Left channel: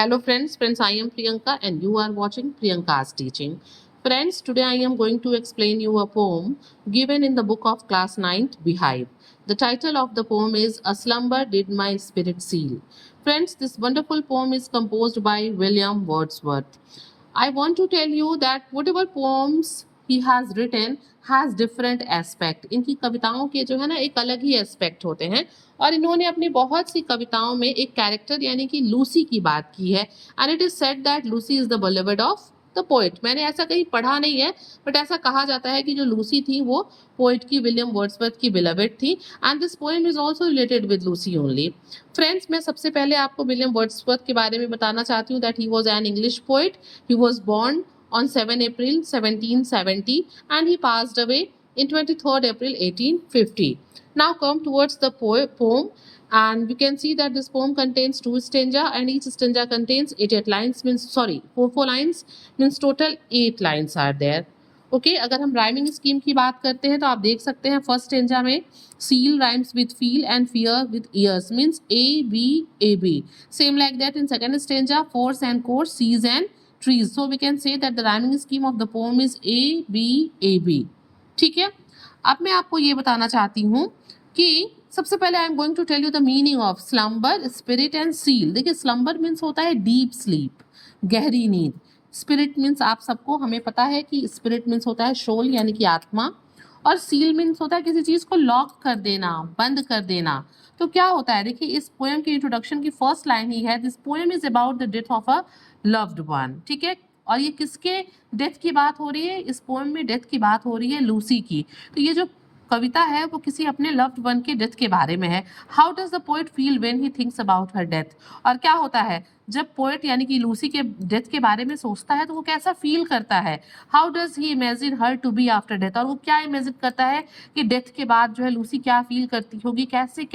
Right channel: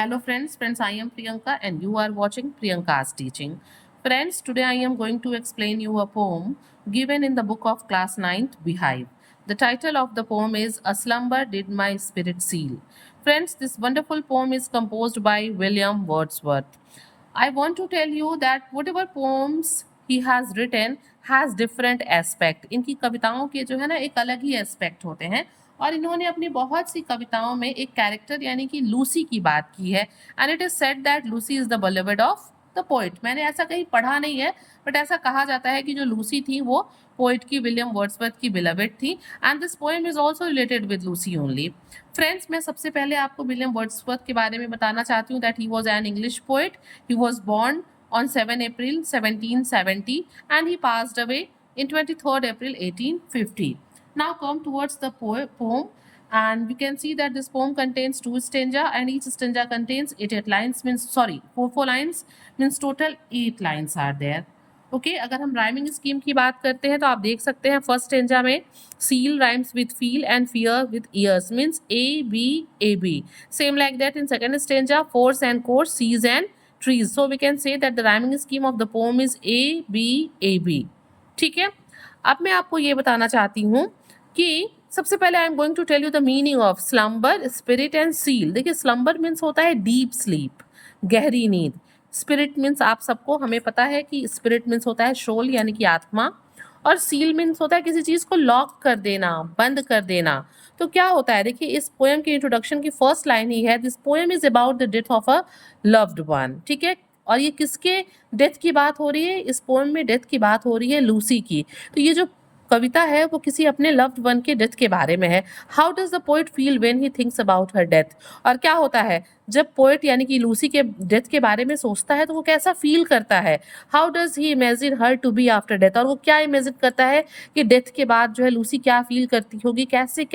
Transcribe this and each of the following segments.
Hello friends, I am Priyanka and you are watching Priyanka's teaching. Friends, today I am going to explain you a poem given in the book of class 9th Beehive. The title of the poem is A Slumber Did My Spirit Seal. Friends, this wonderful poem is composed by William Wordsworth. I want to tell you that whatever poems he has written has different aspect. इनकी कविताओं के जो है ना एक अलग ही aspect होते हैं और इन्होंने अपनी बहुत सी कविताओं में एक कैरेक्टर यानी कि लूसी की बात की है and it is said that Lucy is the beloved of the poet. मैंने ऐसा कहीं पढ़ा नहीं है बट ऐसा कहा जाता है कि जो लूसी थी वो पोएट की विलियम वर्ड्सवर्थ की बिलोवेड थी and this poem is also related with Lucy only. Friends, मैं सबसे पहले आपको विलियम वर्ड्सवर्थ के बारे में बताना चाहती हूँ that he was an English poet. He was born on 7 April 1770 and he passed away in 23rd April 1850. Now come towards the poem and you can see that this poem contains 2 stanza and each stanza contains 8 lines means sorry 4 lines means total 8 lines are there. Okay अगर हम rhyming scheme की बात करते हैं तो आप देख सकते हैं फर्स्ट स्टेंजा में seal rhymes with feel and fear with ears means A B. Same like that in second stanza force and course seas and trees. So we can say that the rhyming scheme of the poem is A B. ठीक है, अब मैं आपको ये बताना चाहती हूँ कि सबसे पहले I am going to tell you the meaning of slumber, spirit and seal. देखिए स्लम्बर मीन्स होता है डीप स्लीप, गहरी नींद। स्पिरिट मीन्स आप सबको हमें पता है कि स्पिरिट मीन्स होता है सोल यानी कि आत्मा, और सील मीन्स होता है किसी चीज़ को लॉक कर देना, बंद कर देना। तो क्या होता है, देखिए इस पोएम के इंट्रोडक्शन की फर्स्ट लाइन ही है this poem is about the death of a loved one. ठीक है, और ये किसके डेथ की बात हो रही है, इस पोएम में डेथ की बात हो रही है लूसी की। तो ये जो कविता है वो किसी अपने लव्ड वन के डेथ के बारे में है। How does the poet feel when he thinks about her death. और क्या होता है जब पोएट यानी कि लूसी के डेथ के बारे में सोचता है तो वो कैसा फील करता है। How does he imagine her to be after death, और वो क्या इमेजिन करता है कि डेथ के बाद जो है लूसी क्या फील करती होगी, कैसे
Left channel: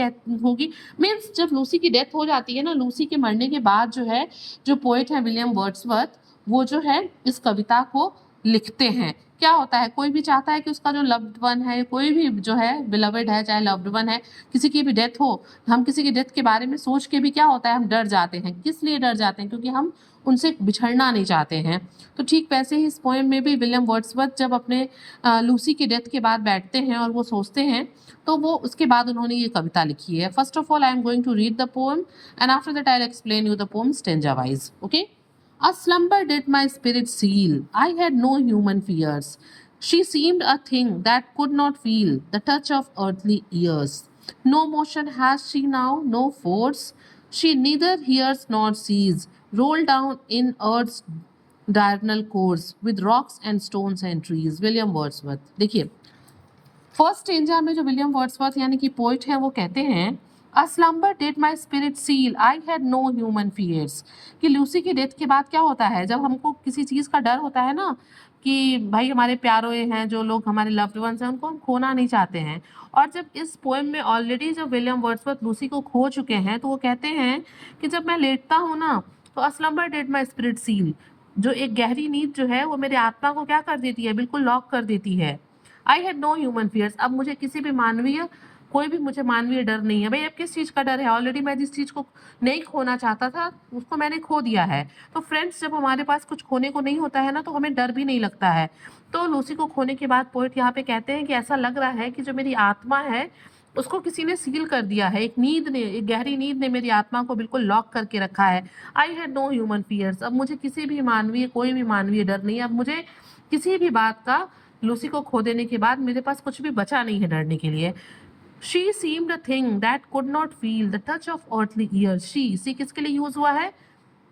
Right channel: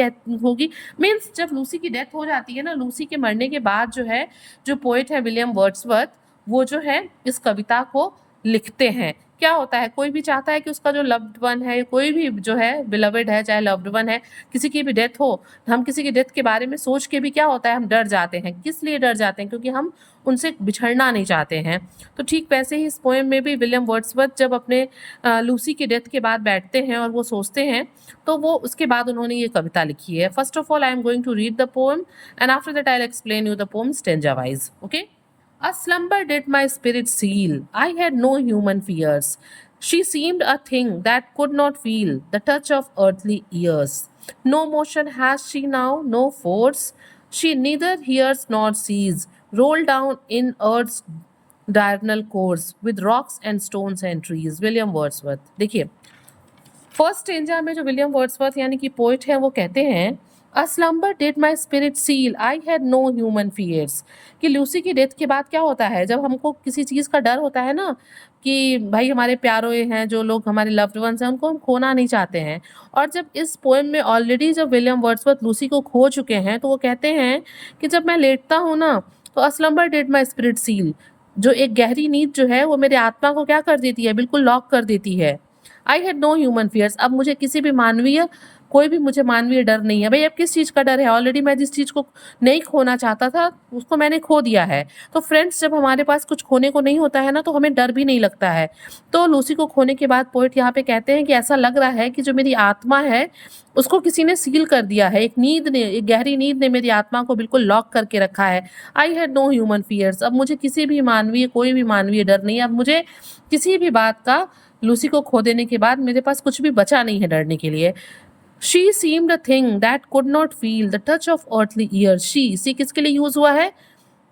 होगी। मीन्स जब लूसी की डेथ हो जाती है ना, लूसी के मरने के बाद जो है जो पोएट है विलियम वर्ड्सवर्थ वो जो है इस कविता को लिखते हैं। क्या होता है, कोई भी चाहता है कि उसका जो लव्ड वन है, कोई भी जो है बिलवेड है, चाहे लव्ड वन है, किसी की भी डेथ हो, हम किसी की डेथ के बारे में सोच के भी क्या होता है हम डर जाते हैं। किस लिए डर जाते हैं, क्योंकि हम उनसे बिछड़ना नहीं चाहते हैं। तो ठीक वैसे ही इस पोएम में भी विलियम वर्ड्सवर्थ जब अपने लूसी की डेथ के बाद बैठते हैं और वो सोचते हैं तो वो उसके बाद उन्होंने ये कविता लिखी है। First of all I am going to read the poem and after that I will explain you the poem stanza wise. Okay. A slumber did my spirit seal. I had no human fears. She seemed a thing that could not feel the touch of earthly ears. No motion has she now, no force. She neither hears nor sees. Roll down in earth's diurnal course with rocks and stones and trees. William Wordsworth. देखिए first stanza में जो William Wordsworth यानी कि poet है वो कहते हैं a slumber did my spirit seal I had no human fears. कि लूसी की डेथ के बाद क्या होता है, जब हमको किसी चीज़ का डर होता है ना कि भाई हमारे प्यारे हैं जो लोग हमारे लव्ड वंस हैं उनको हम खोना नहीं चाहते हैं। और जब इस पोएम में ऑलरेडी जब विलियम वर्ड्सवर्थ लूसी को खो चुके हैं तो वो कहते हैं कि जब मैं लेटता हूँ ना तो a slumber did my spirit seal, जो एक गहरी नींद जो है वो मेरे आत्मा को क्या कर देती है, बिल्कुल लॉक कर देती है। I had no human fears, अब मुझे किसी भी मानवीय कोई भी मुझे मानवीय डर नहीं है। भाई अब किस चीज़ का डर है, ऑलरेडी मैं जिस चीज़ को नहीं खोना चाहता था उसको मैंने खो दिया है। तो फ्रेंड्स जब हमारे पास कुछ खोने को नहीं होता है ना तो हमें डर भी नहीं लगता है। तो लूसी को खोने के बाद पोएट यहाँ पे कहते हैं कि ऐसा लग रहा है कि जो मेरी आत्मा है उसको किसी ने सील कर दिया है, एक नींद ने, एक गहरी नींद ने मेरी आत्मा को बिल्कुल लॉक करके रखा है। I had no human fears, अब मुझे किसी भी मानवीय कोई भी मानवीय डर नहीं है। अब मुझे किसी भी बात का लूसी को खो देने के बाद मेरे पास कुछ भी बचा नहीं है डरने के लिए। She seemed a thing that could not feel the touch of earthly ears. She किसके लिए यूज हुआ है,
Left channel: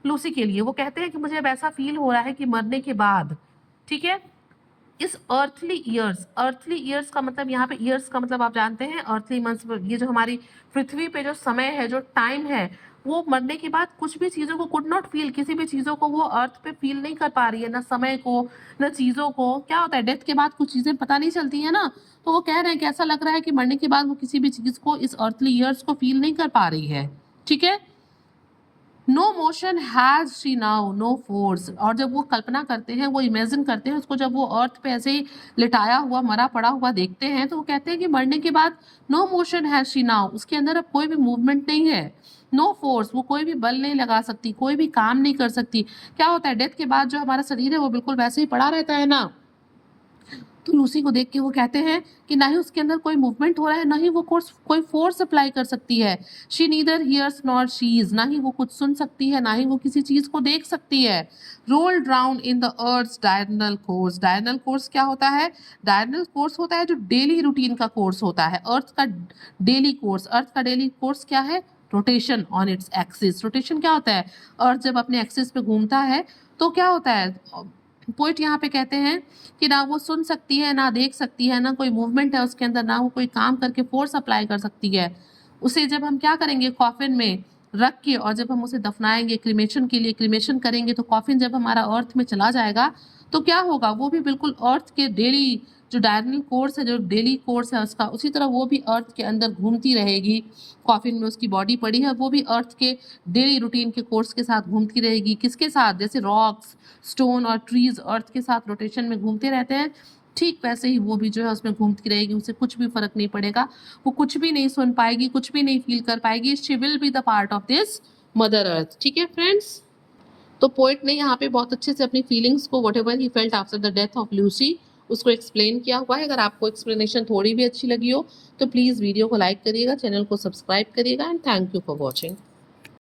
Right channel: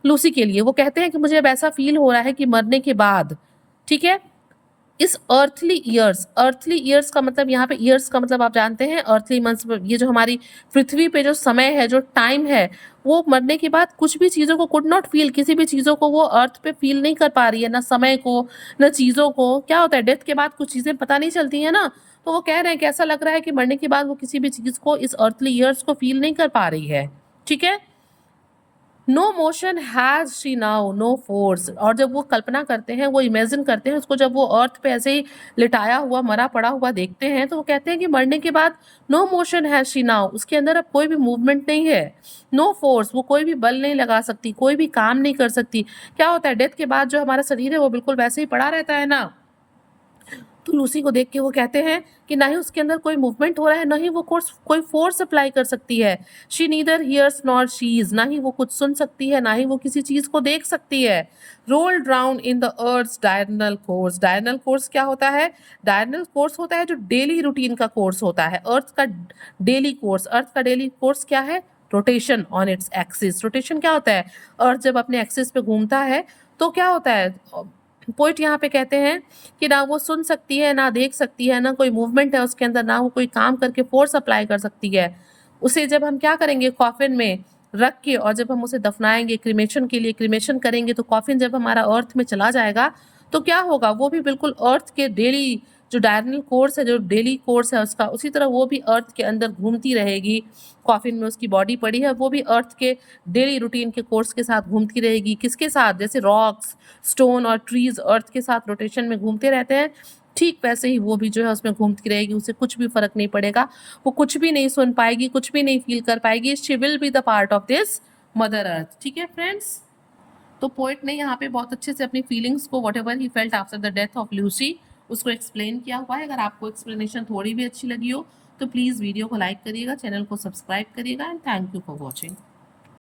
लूसी के लिए। वो कहते हैं कि मुझे अब ऐसा फील हो रहा है कि मरने के बाद, ठीक है, इस अर्थली ईयर्स का मतलब यहाँ पे ईयर्स का मतलब आप जानते हैं अर्थली मंथ्स, ये जो हमारी पृथ्वी पे जो समय है, जो टाइम है, वो मरने के बाद कुछ भी चीज़ों को कुड नॉट फील, किसी भी चीज़ों को वो अर्थ पे फील नहीं कर पा रही है, ना समय को ना चीज़ों को। क्या होता है डेथ के बाद कुछ चीज़ें पता नहीं चलती हैं ना, तो वो कह रहे हैं कि ऐसा लग रहा है कि मरने के बाद वो किसी भी चीज़ को, इस अर्थली ईयर्स को फील नहीं कर पा रही है। ठीक है, no motion has she now no force. और जब वो कल्पना करते हैं, वो इमेजिन करते हैं उसको, जब वो अर्थ पे ऐसे ही लिटाया हुआ मरा पड़ा हुआ देखते हैं, तो वो कहते हैं कि मरने के बाद no motion has she now, उसके अंदर अब कोई भी मूवमेंट नहीं है। नो फोर्स, वो कोई भी बल नहीं लगा सकती, कोई भी काम नहीं कर सकती। क्या होता है, डेथ के बाद जो हमारा शरीर है वो बिल्कुल वैसे ही पड़ा रहता है ना। तो लूसी को देख के वो कहते हैं कि ना ही उसके अंदर कोई मूवमेंट हो रहा है, ना ही वो कोई फोर्स अप्लाई कर सकती है। She neither hears nor sees, ना ही वो कुछ सुन सकती है, ना ही वो किसी चीज को देख सकती है। Rolled round in the earth diurnal course. Diurnal course क्या होता है? डायरनल कोर्स होता है जो डेली रूटीन का कोर्स होता है, अर्थ का डेली कोर्स। अर्थ का डेली कोर्स क्या है? Rotation on its axis. Rotation क्या होता है? अर्थ जब अपने एक्सिस पे घूमता है तो क्या होता है, पोइट यहाँ पे कहते हैं कि ना वो सुन सकती है, ना देख सकती है, ना कोई मूवमेंट है उसके अंदर, ना वो कोई काम करके फोर्स अप्लाई कर सकती है। उसे जब हम क्या करेंगे, कॉफिन में रख के, और जब हम उसे दफनाएंगे क्रिमेशन के लिए, क्रिमेशन करेंगे, तो कॉफिन जब हमारा अर्थ में चला जाएगा तो क्या होगा, वो भी बिल्कुल अर्थ के डेली जो डायरनल कोर्स है, जो डेली कोर्स है उसका, उसी तरह वो भी अर्थ के अंदर घूमती रहेगी। कॉफिन में उसकी बॉडी पड़ी है, वो भी अर्थ के डेली रूटीन के कोर्स के साथ घूमती रहेगी। किसके साथ? जैसे रॉक्स, स्टोन और ट्रीज अर्थ के साथ रोटेशन में घूमते रहते हैं, ठीक वैसे ही वो भी जो है उसमें घूमती रहेगी। उसे कुछ भी फर्क नहीं पड़ेगा, वो कुछ भी नहीं सुन पाएगी, कुछ भी नहीं फील कर पाएगी। She will be the part of this mother earth. ठीक है फ्रेंड्स, तो पोएट ने यहाँ पे बहुत अच्छे से अपनी फीलिंग्स को, what ever he felt after the death of Lucy, उसको एक्सप्लेन किया हुआ है। अगर आपको एक्सप्लेनेशन थोड़ी भी अच्छी लगी हो तो प्लीज़ वीडियो को लाइक करिएगा, चैनल को सब्सक्राइब करिएगा, and thank you for watching.